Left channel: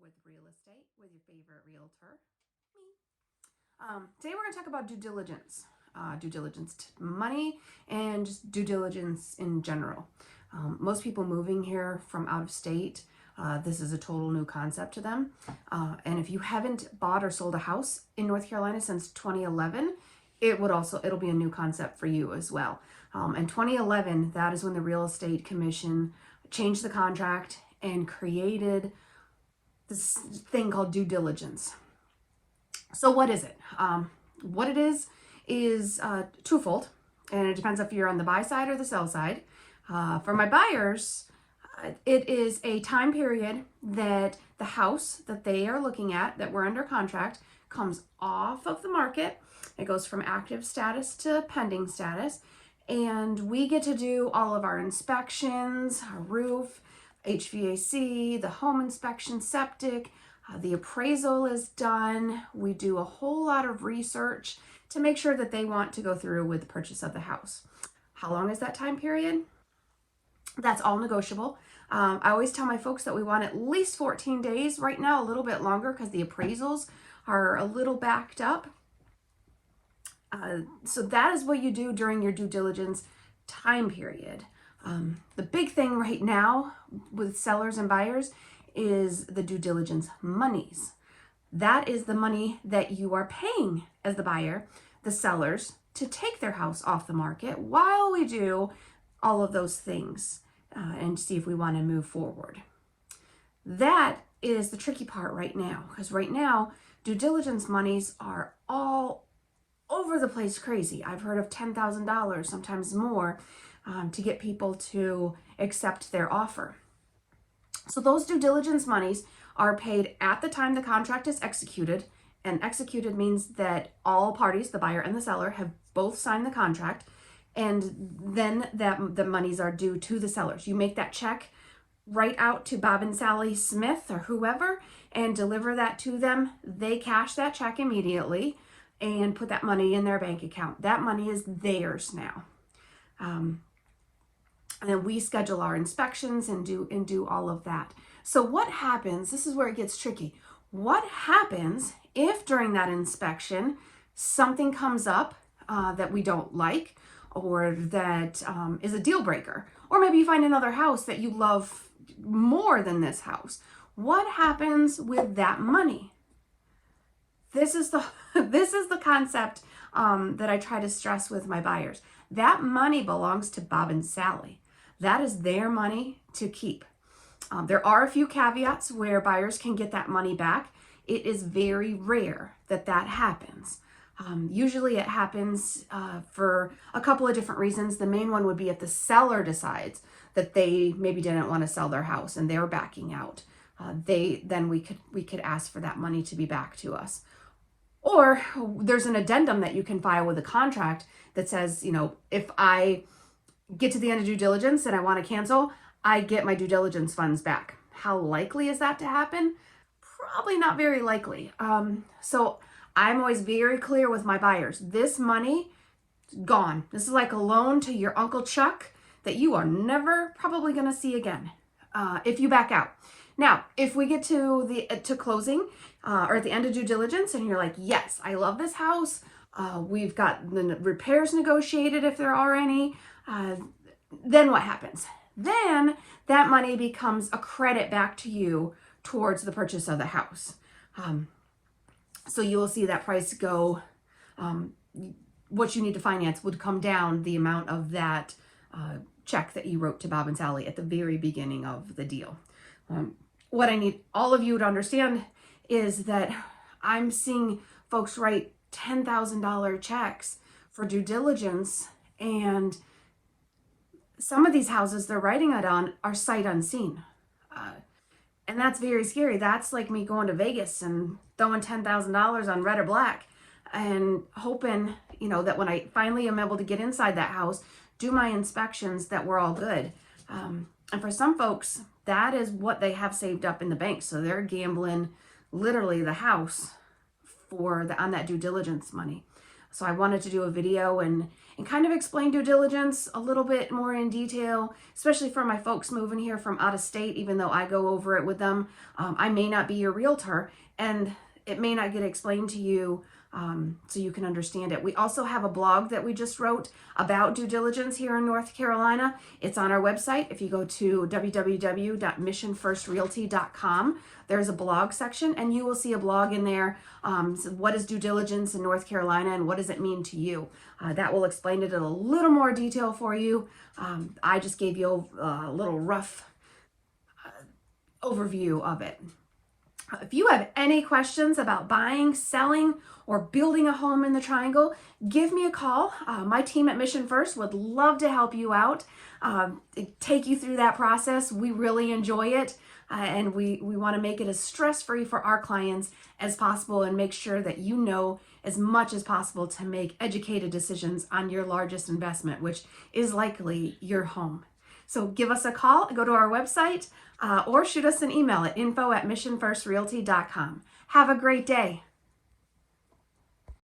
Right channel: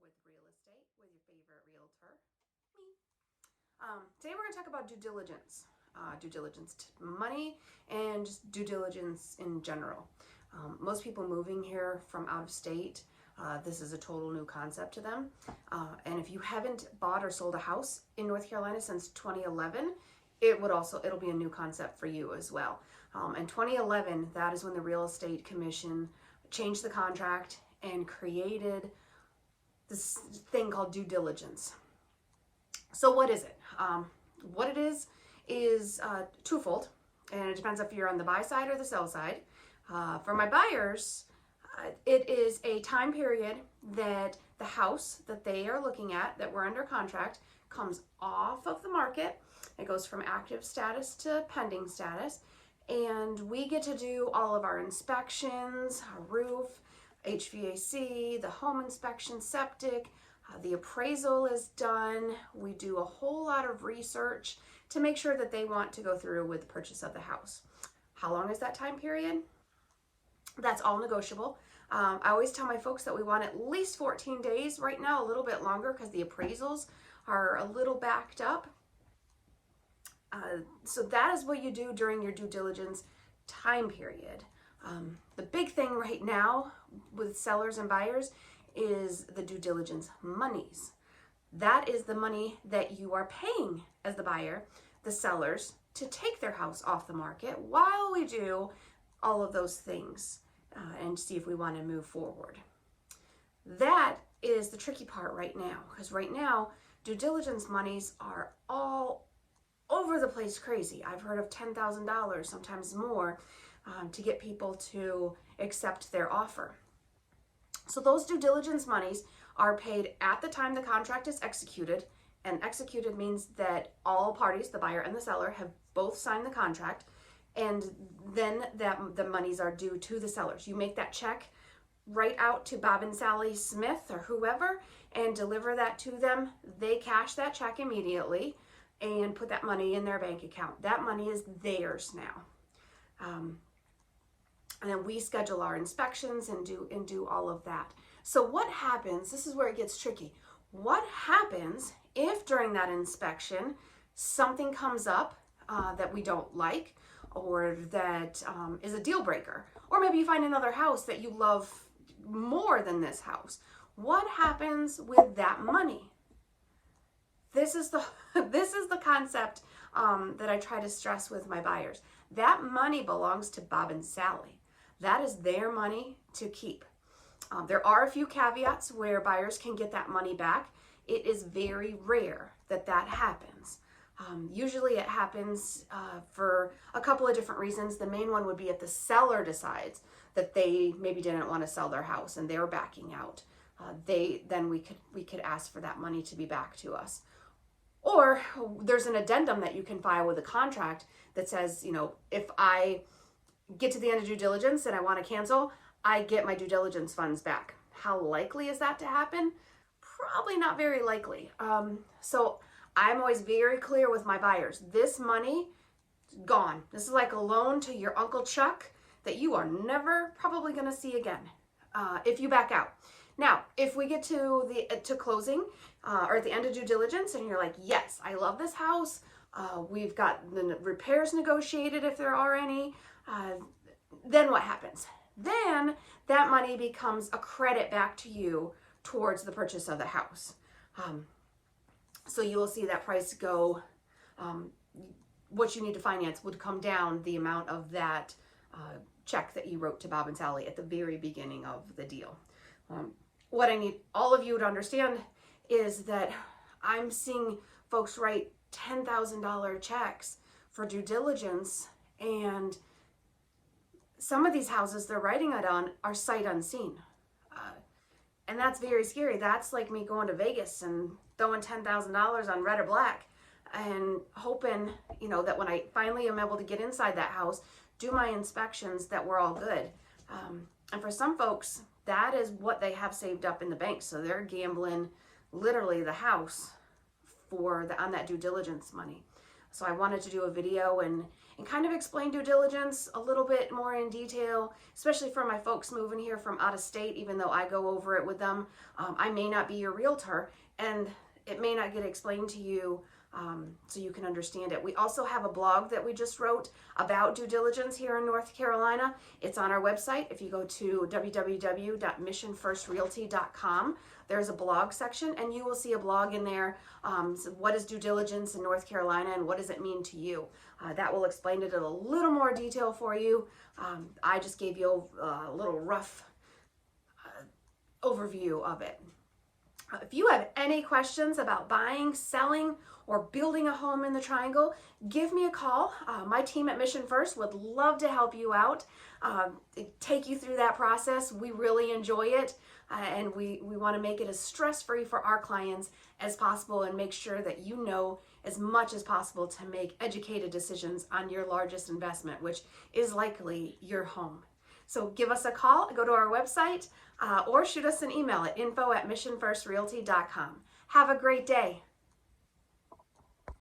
with real estate with your favorite realtor, me. Today we're going to talk about due diligence. Due diligence money and just due diligence in general. Most people moving here from out of state, this is a total new concept to them. And if you haven't bought or sold a house in North Carolina since 2011, it'll be a new concept for you as well. In 2011, that is when the Real Estate Commission changed the contract and created this thing called due diligence. So what is it? What it is twofold, and it depends if you're on the buy side or the sell side. For my buyers, it is a time period that the house that they are looking at, that we're under contract, comes off of the market. It goes from active status to pending status, and we get to do all of our inspections, our roof, HVAC, the home inspection, septic, the appraisal is done. We do a whole lot of research to make sure that they want to go through with the purchase of the house. How long is that time period? That's all negotiable. I always tell my folks that we want at least 14 days. Right now, a little bit longer because the appraisals are a little backed up. So that is what you do during your due diligence time period. The big thing right now with sellers and buyers is the due diligence monies. That is the money that you are paying as the buyer, the sellers, to take their house off the market while we do all of those things and see if we want to move forward. That is the tricky part right now, because right now due diligence monies are all over the place crazy. I've heard of $10,000, sometimes more, to get people to accept their offer. So those due diligence monies are paid at the time the contract is executed, and executed means that all parties, the buyer and the seller, have both signed the contract, and then the monies are due to the sellers. You make that check right out to Bob and Sally Smith or whoever and deliver that to them. They cash that check immediately and put that money in their bank account. That money is theirs now. And then we schedule our inspections and do all of that. So what happens, this is where it gets tricky. What happens if during that inspection something comes up that we don't like, or that is a deal breaker? Or maybe you find another house that you love more than this house. What happens with that money? This is the concept that I try to stress with my buyers. That money belongs to Bob and Sally. That is their money to keep. There are a few caveats where buyers can get that money back. It is very rare that that happens. Usually it happens for a couple of different reasons. The main one would be if the seller decides that they maybe didn't want to sell their house and they're backing out. Then we could ask for that money to be back to us. Or there's an addendum that you can file with a contract that says, you know, if I get to the end of due diligence and I want to cancel, I get my due diligence funds back. How likely is that to happen? Probably not very likely. So I'm always very clear with my buyers. This money, gone. This is like a loan to your Uncle Chuck that you are never probably going to see again if you back out. Now, if we get to closing or at the end of due diligence and you're like, yes, I love this house. We've got the repairs negotiated if there are any. Then what happens? Then that money becomes a credit back to you towards the purchase of the house. So you will see that price go, what you need to finance would come down the amount of that check that you wrote to Bob and Sally at the very beginning of the deal. What I need all of you to understand is that I'm seeing folks write $10,000 checks for due diligence, and some of these houses they're writing it on are sight unseen. And that's very scary. That's like me going to Vegas and throwing $10,000 on red or black and hoping, you know, that when I finally am able to get inside that house, do my inspections, that we're all good. And for some folks, that is what they have saved up in the bank. So they're gambling literally the house on that due diligence money. So I wanted to do a video and kind of explain due diligence a little bit more in detail, especially for my folks moving here from out of state, even though I go over it with them. I may not be your realtor, and it may not get explained to you so you can understand it. We also have a blog that we just wrote about due diligence here in North Carolina. It's on our website. If you go to www.missionfirstrealty.com, there's a blog section, and you will see a blog in there. So what is due diligence in North Carolina, and what does it mean to you? That will explain it in a little more detail for you. I just gave you a little rough overview of it. If you have any questions about buying, selling, or building a home in the Triangle, give me a call. My team at Mission First would love to help you out, take you through that process. We really enjoy it, and we want to make it as stress-free for our clients as possible and make sure that you know as much as possible to make educated decisions on your largest investment, which is likely your home. So give us a call, go to our website, or shoot us an email at info@missionfirstrealty.com. Have a great day.